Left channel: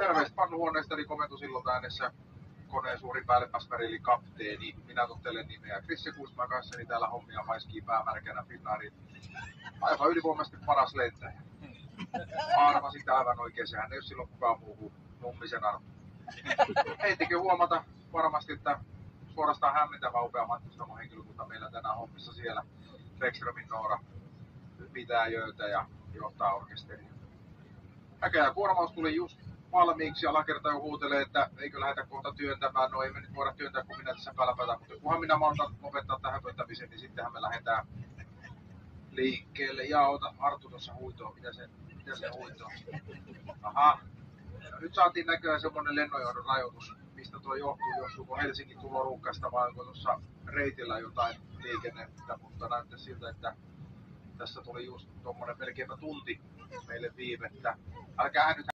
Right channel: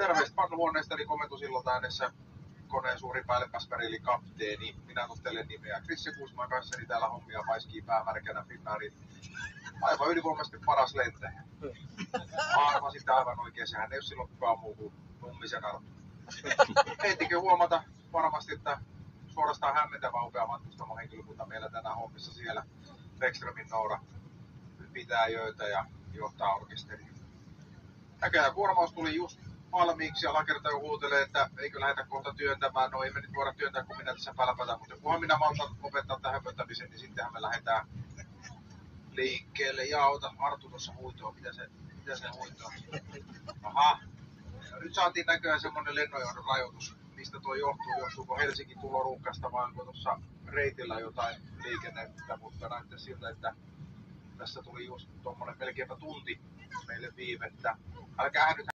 Terveistä pannuhuoneestani komentosillalta äänessä koneen suuri päällepäspäri eli kapteeni. Minä tottelen nimeä Krisse Kuisman kanssani täällä hommia paiskii päämärkänä Finnairin aivan ylivoimaisesti paras lentäjä. Arvasit aivan oikein, sehän ei ole silloin kukaan muu kuin Nummisen Arto. Heittikin huomata varmasti, että suorastaan hämmentävä upea matkustamon henkilökunta meillä tänään hommissa siellä. Bäckströmin Noora pitää jöitä ja johtaa orkesteria. Näköjään kuormaus tuli just valmiiksi ja Lakerta jo huutelee, että eikö lähdetä kohta työntämään. No ei me nyt voida työntää, kun minä tässä pälpätän, mutta kunhan minä maltan lopettaa tähän höpöttämisen, niin sittenhän me lähdetään liikkeelle. Ja ota Arttu tuossa huitoa, mitä se huitoa? Aha, no, nyt saatiin näköjään semmonen lennonjohdon rajoitus. Mistä tuo johtuu? Johtuuko Helsingin tuloruuhkasta vai onko tuossa reitillä jotain liikennettä, mutta näyttää siltä, että tässä tuli just tuommoinen melkeinpä tunti meille viivettä. Älkää nyt